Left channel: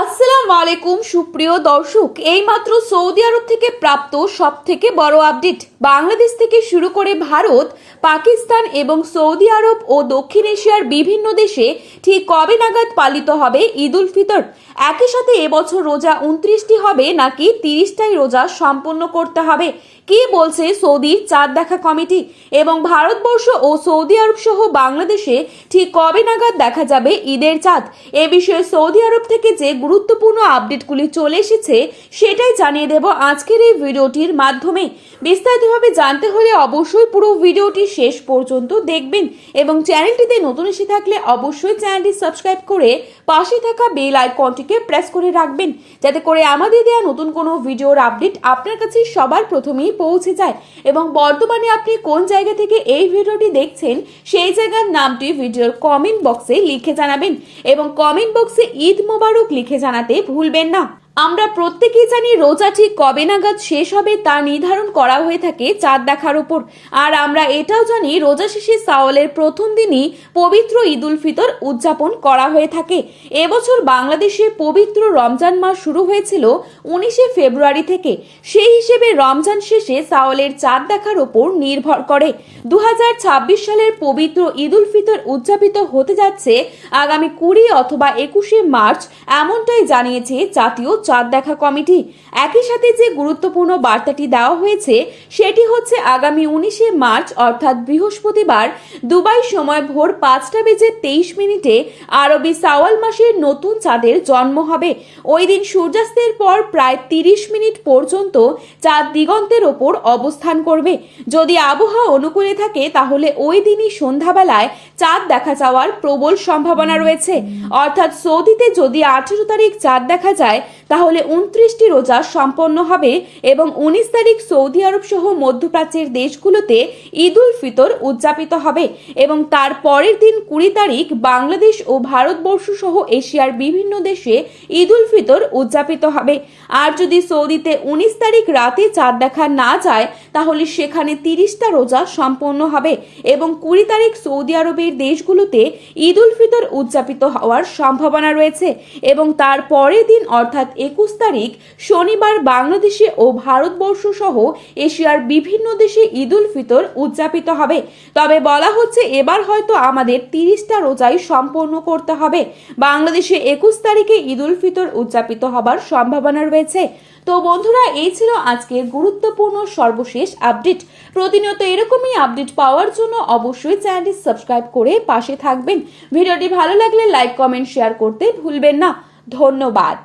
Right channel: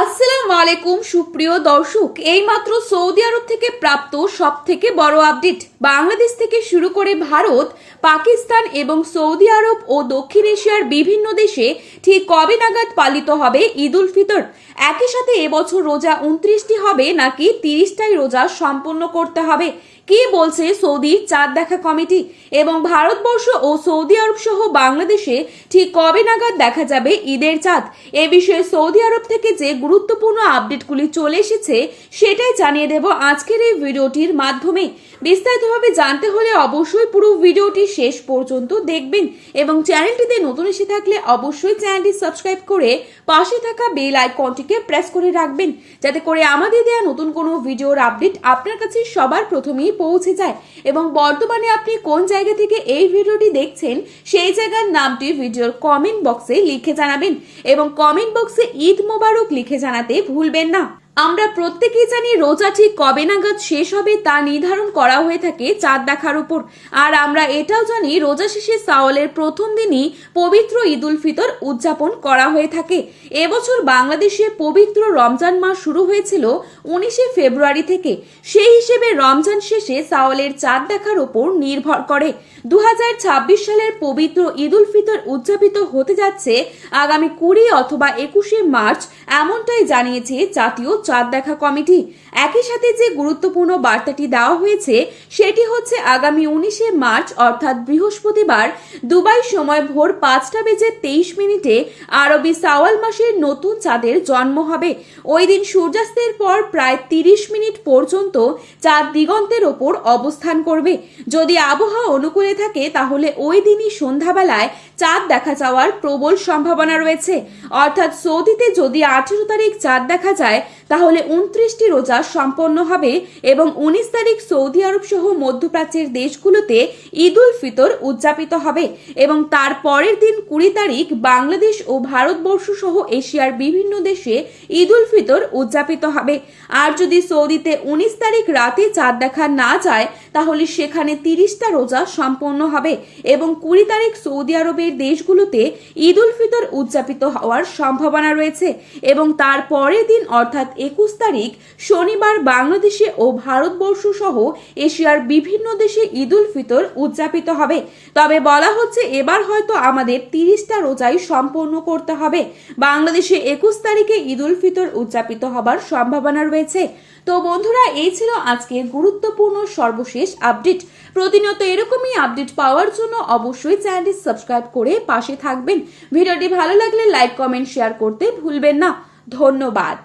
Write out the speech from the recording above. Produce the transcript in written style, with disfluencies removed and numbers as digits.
আসসালামু আলাইকুম সুপ্রিয় দর্শক, এইমাত্র সৌদি আরব থেকে প্রাপ্ত সবথেকে বড় আপডেট। বাংলাদেশ থেকে শুরু করে ভারত, পাকিস্তান এবং সৌদি আরব ও দক্ষিণ এশিয়ার বিভিন্ন দেশে ঠিক কবে নাগাদ পালিত হবে ঈদ উল ফিতর? একই সাথে এবছর রোজা 29টি হবে নাকি 30টাই রোজা সম্পন্ন করতে হবে? কি বলছে সৌদির চাঁদ দেখা কমিটি? এবং ভারতবর্ষ ও সৌদি আরব সহ বাংলাদেশে ঠিক কবে নাগাদ দেখা যাবে ঈদের চাঁদ? এ বিষয়ে সৌদি আরব থেকে যে গুরুত্বপূর্ণ আপডেটগুলি চলে এসেছে সেটাই জানিয়ে দেব আজকের এই ভিডিওটির মাধ্যমে। বিস্তারিতভাবে জানতে হলে অবশ্যই পুরো ভিডিওটি শেষ পর্যন্ত দেখবেন এবং চ্যানেলটিতে নতুন এসে থাকলে অবশ্যই চ্যানেলটি সাবস্ক্রাইব করে পাশে থাকা বেল আইকনটিকে প্রেস করে রাখবেন, যাতে করে আমাদের দেওয়া নতুন কোনো ভিডিওর আপডেট আপনার কাছে সবার প্রথমেই পৌঁছে যায়। এবং বর্তমানে আপনি কোন জায়গা থেকে এই ভিডিওটি দেখছেন সেই জায়গার নামটি ভিডিওর কমেন্ট বক্সে লিখে জানাবেন এবং কমেন্ট বক্সে ঈদ মোবারক লিখে জানাতে ভুলবেন না। আমরা প্রত্যেকেই জানি রোজা ঠিক কবে নাগাদ শেষ হবে তা নির্ধারণ করা হয়ে থাকে চাঁদ দেখার উপর। আর আমরা এটাও জানি রোজা শেষে শাওয়ালের প্রথম দিনই পবিত্র ঈদ উল ফিতর উদযাপন করা হয়ে থাকে। এবছর বাংলাদেশে পবিত্র রমজান মাস শুরু হয়েছিল 19শে ফেব্রুয়ারি থেকে। সেই হিসেবে রমজান শেষে শাওয়ালের চাঁদ দেখার উপর নির্ভর করে 2026 সালের পবিত্র ঈদ উল ফিতর উদযাপিত হতে যাচ্ছে আগামী 20 অথবা 21শে মার্চ, এমনটাই জানিয়েছে জাতীয় চাঁদ দেখা কমিটি। একই সাথে যে গুরুত্বপূর্ণ বার্তাটি দেওয়া হয়েছে সেটি হচ্ছে আগামী 19শে মার্চ অর্থাৎ বৃহস্পতিবার দুবাই সময় ভোর 5:23 আরবি শাওয়াল মাসের নতুন চাঁদের জন্ম হবে। ওই দিন সূর্যাস্তের পর প্রায় 30 মিনিট পর্যন্ত চাঁদ দিগন্তের ওপর অবস্থান করবে। যদি আবহাওয়া অনুকূলে থাকে তাহলে ওই দিনই সন্ধ্যাবেলায় চাঁদ দেখা যাওয়ার প্রবল সম্ভাবনা রয়েছে। অর্থাৎ সৌদিতে যদি 18 তারিখ চাঁদ দেখা যায় তাহলে 29টি রোজা সম্পন্ন হবে এবং 19 তারিখ সৌদি আরব সহ মধ্যপ্রাচ্যের দেশগুলোতে ঈদ উল ফিতর উদযাপিত হবে এবং তার পরের দিন 20 তারিখ বাংলাদেশ ও ভারতবর্ষ সহ এশিয়ার বিভিন্ন দেশে ঈদ উল ফিতর উদযাপিত হবে। আর যদি সৌদিতে 19 তারিখ রাতে চাঁদ দেখা না যায় তাহলে সেখানে 30টা রোজা সম্পন্ন হবে এবং 20 তারিখ সৌদি আরবের দেশগুলোতে ঈদ উল ফিতর উদযাপিত হওয়ার সম্ভাবনা রয়েছে এবং তার পরের দিন অর্থাৎ 21 তারিখ শনিবার বাংলাদেশে ও ভারতবর্ষ সহ এশিয়ার বিভিন্ন দেশে ঈদ উল ফিতর উদযাপিত হবে। তবে বলা হচ্ছে এবার হয়তো আমাদের 30টা রোজাই সম্পন্ন করতে হবে। বাংলাদেশে 21 তারিখে ঈদ উল ফিতর উদযাপিত হবার সম্ভাবনা রয়েছে। তো বন্ধুরা, এই ছিল আজকের গুরুত্বপূর্ণ সর্বশেষ আপডেট। প্রতিনিয়ত এরকমই আপডেট পাওয়ার জন্য অবশ্যই চ্যানেলটি সাবস্ক্রাইব করে পাশে থাকবেন। ভিডিওটি ভালো লাগলে লাইক, কমেন্ট, শেয়ার করতে ভুলবেন না। ধন্যবাদ।